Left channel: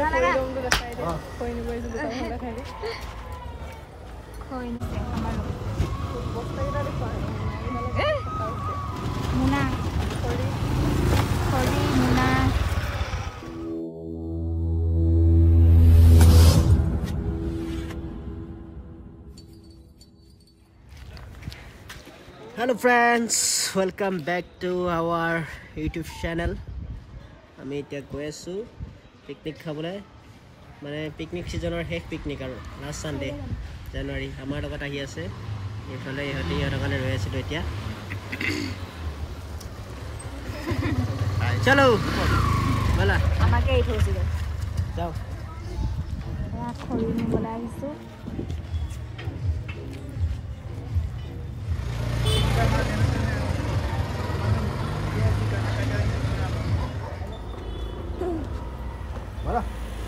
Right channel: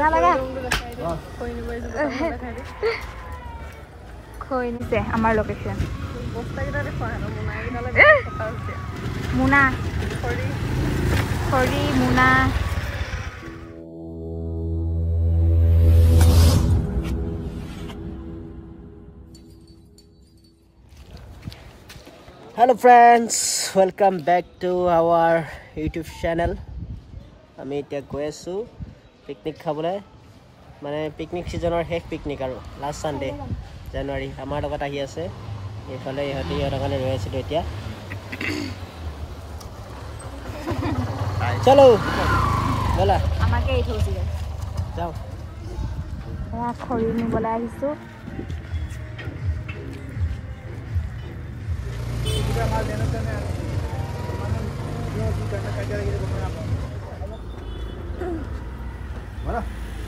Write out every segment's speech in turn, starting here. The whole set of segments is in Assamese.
মজা লাগা খৈ নিছে আমাৰ লোকেশ্যন মুনা খৰি মুনা Hello friends, welcome back to our YouTube channel. আমি এতিয়া গৈ আছো পিকনিক খাবলৈ মানে পিকনিক সিজনৰ শেষ পিকনিক আৰু লাষ্ট সানডে জানুৱাৰী আমাৰ লগত আহি আছে এইফালে ইহঁতৰ কাৰণে ৰৈ আছিলো এতিয়া চলো বলা আমাকে এই থৈছিল যাও খৰি নিবলৈ আহিছো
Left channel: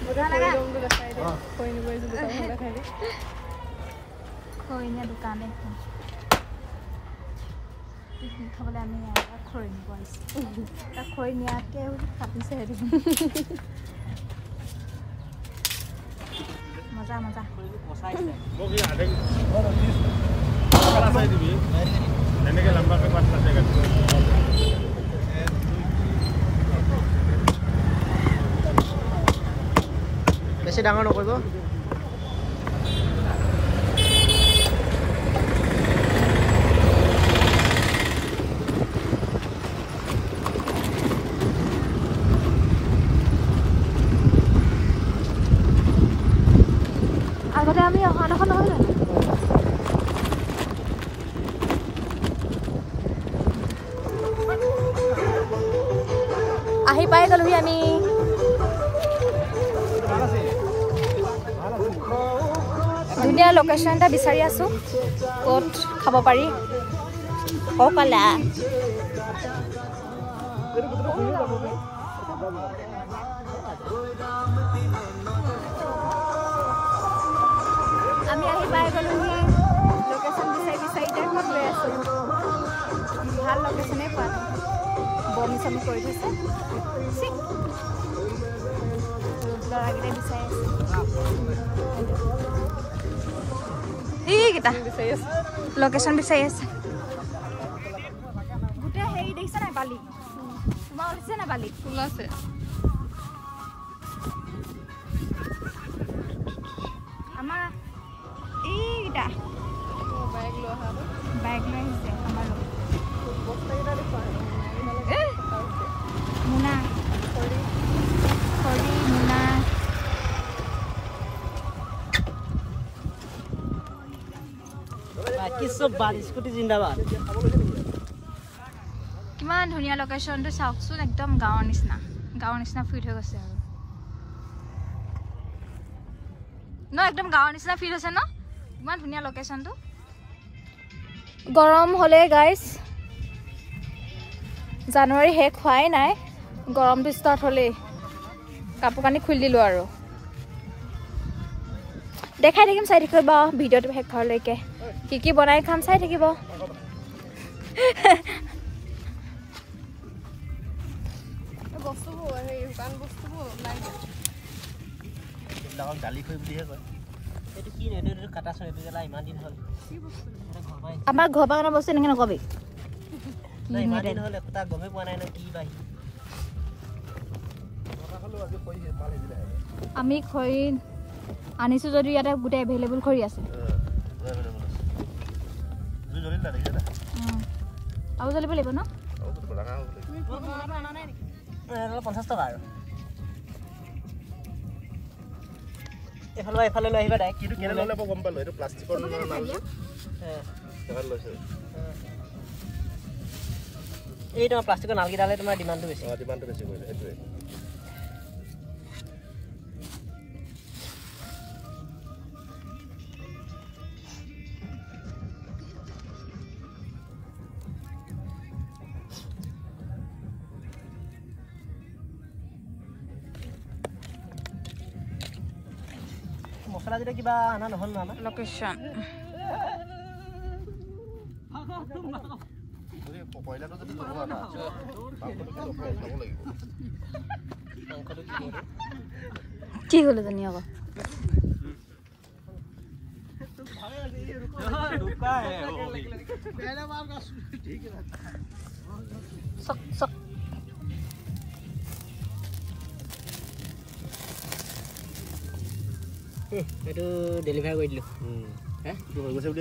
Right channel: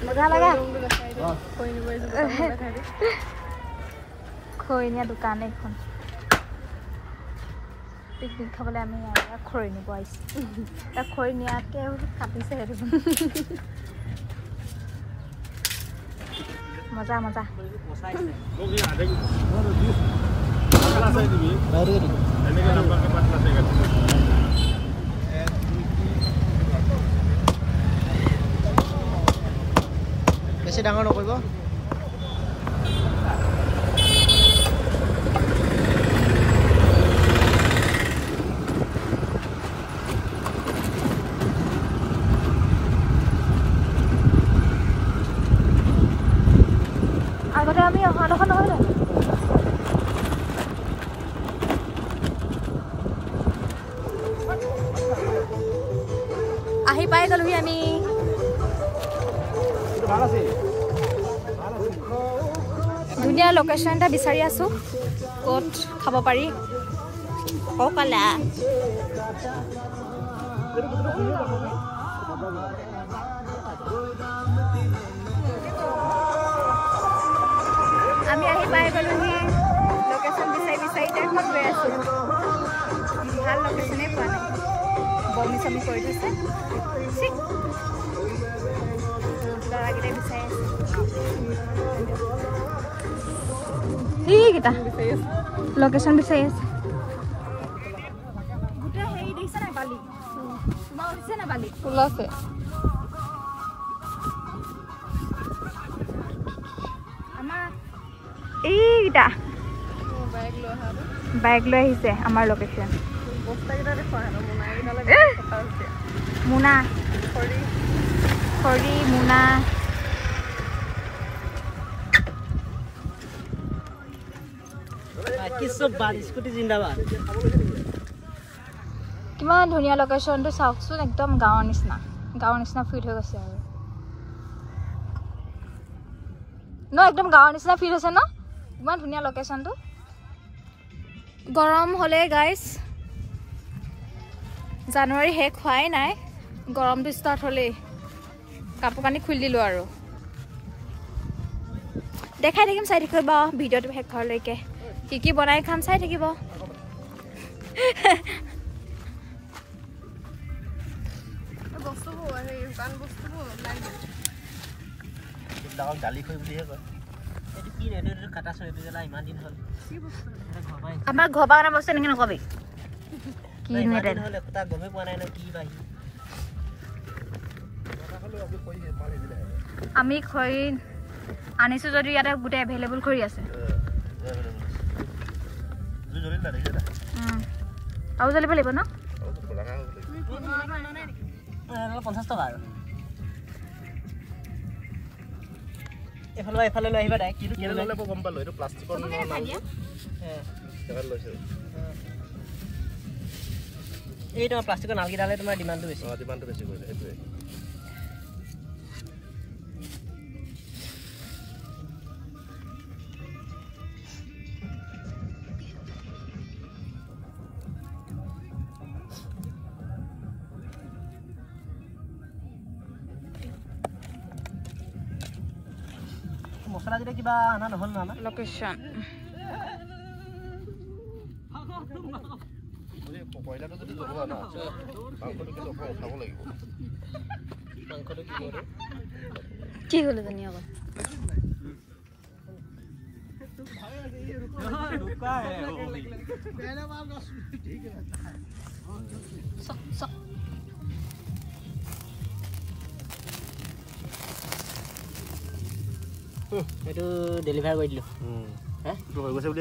মজা লাগা খৰি নিয়া দোকান এখন পিকনিক খাবলৈ আমি খৰি নিব আহিছোঁ তাক খৰি নিয়াতকে কাটিছে সেইটো মজা মজা বেছি ডাঙৰ নকৰিব আগতে আমি অহাডোখৰ নহয় জানো আহি পাই গ'লোহি আমি ধুনীয়া লোকেশ্যন এটা বিচাৰি আছো ক'ত খাব পাৰি কলা আমি আহি পাই গ'লোহি লোকেশ্যন বিচাৰি এতিয়া ক'ত গৈ আছো ভাল লোকেশ্যনেই পোৱা নাই বমি চমি কৰি থৈছে ল'ৰাকেইটাই বিচাৰি আছে এইকেইটা লোকেশ্যন বিচাৰি আছে গোটেই হেৰি দেখিছে নাই বালি তোমাৰ উঠিছে নাই বালি ফুল আছে আমাৰ এইকেইটা বাইক লৈ আহিছে আমাৰ লোকেশ্যন মুনা খৰি মুনা কিমান ধুনীয়া লোকেশ্যনটো চাওকচোন একদম গাঁৱৰ নিচিনা ফিল হৈ গৈছে আৰু ন একদম গাঁৱৰ নিচিনা ফিল হৈছে ন ইমান ধুনীয়া লোকেশ্যনটো গৰম হ'লে গাইজ জানুৱাৰী শেষ হোৱাই নাই গৰমটো ষ্টাৰ্ট হ'লেই কাপোৰ কানি খুলি দিলোঁ আৰু দেখাই থাকিম চাই থাকিব ভিডিঅ'টো শেষ হোৱালৈকে কি বনাই খাম চাই থাকিব আমাৰ ঘৰ পৰা বস্তু এনেকে নকবি আমি খৰি আনিছো যদি ইয়াতে গোটেই এভেইলেবল খৰি আছে আৰু জ্বলিব লাগিব ন 50 টকা আৰু এফালে লৈ আহিবা ডাইৰেক্ট কিন্তু কেনে ললে গম পালো এইটো প্লাষ্টিকৰ নালটো দেখা লৈছে এই তোমাৰ প্লাষ্টিকৰ নালগিডালে তোমাৰ ডিমান্ডটো বেছি কৰিছে সেইটোৱে মছলা দিলে কিবা আনা নহল না আমাৰ লোকেশ্যন কয়লাটো যদি জ্বলোৱা না মাংসটো কিন্তু অকণমান উঠাব লাগিব মাংসটো কি কৰে কি হলো জানি আকৌ sok sok itu deliver কৰি দিলো হে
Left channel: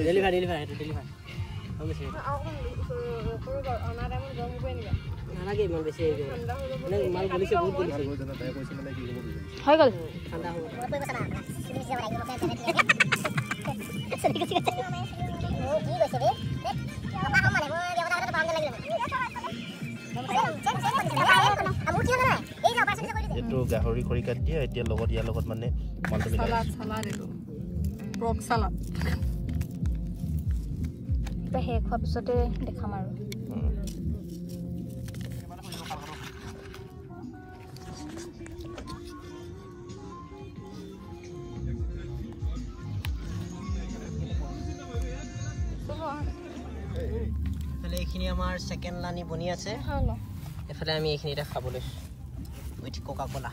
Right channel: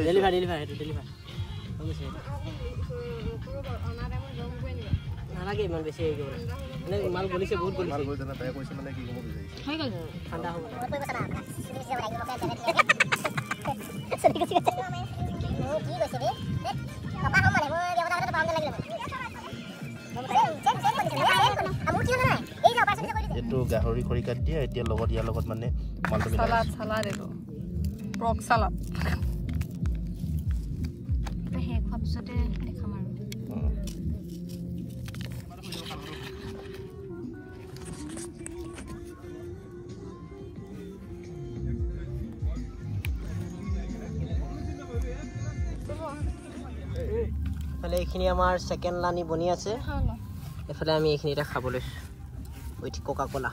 deliver itu deliver হৈছে নালাগে ইমান বেছি মানে মাল গলিছে বহুত গলিছে হৈ গ'ল ঠাণ্ডা হ'ব এইটো গাহৰি কৰি কাট দিয়ে এতিয়া লগত ইয়াৰ লগত মানে মালটো মিলাই সালাদ এইটো পৰ্ক সালাদ শেষ হোৱাৰ পিছতে দেখাম আৰু ফালে এইখিনি আমাৰ সেকেন্ড লানি বনি আছে এফালে আমি এইখিনি এটা খাবলৈ উইথ কোকা কোলা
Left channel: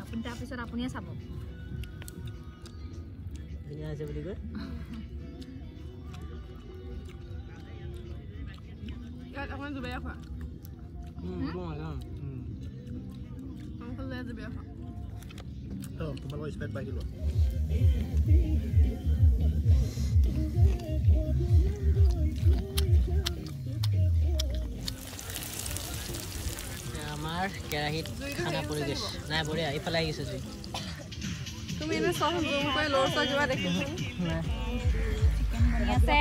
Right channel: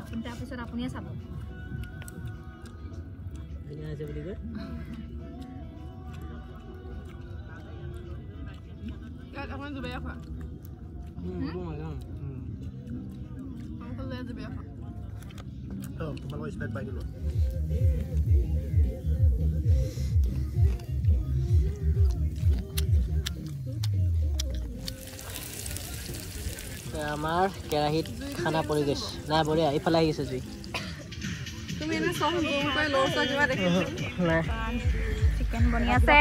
আপুনি তাৰ পিছত আপুনিয়ে চাব ধুনীয়া আছে বুলি কয় ইয়াত এখন জুবিয়া খোৱা অংকল লৈ জুবিয়া খোৱা তোমালোকৰ স্প্ৰাইট পাই দিলো আমাৰ কেৰাহীত খানা পৰি গৈছে নাই বঢ়িয়া এইফালে আহি গৈছে জুই তুমি এনে সহ জুম কৰি লৰছা কিবা দেখিছো নাই চিকেন বনি আছে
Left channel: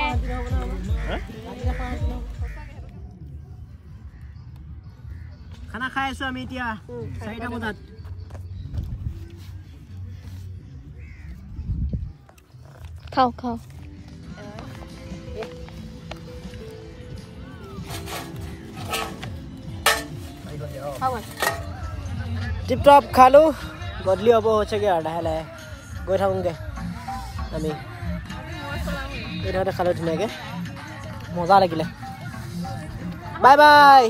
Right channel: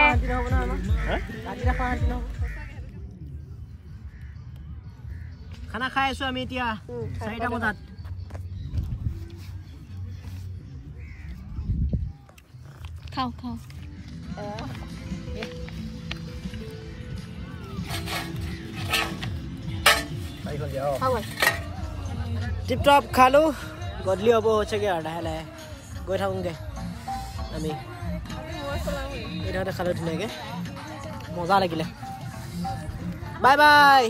খানা খাই আছো আমি এতিয়া 4টা বজাত খাও খাও টিপ টপ খালো গধূলি হ'ব হৈছেগে আৰু লাহে লাহে গৈ থাকোঁগে আমি এইডোখৰতে খালো ধুনীয়াকৈ মজা লাগিলে বাই বাই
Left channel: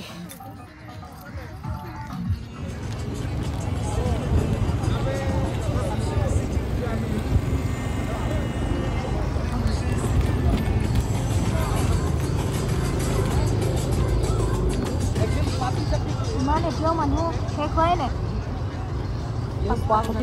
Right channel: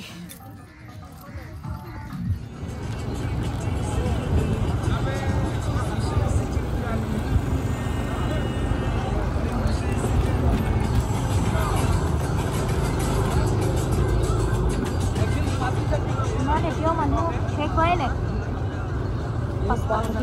এতিয়াও মানুহ শেষ হোৱাই নাই পাঁচটা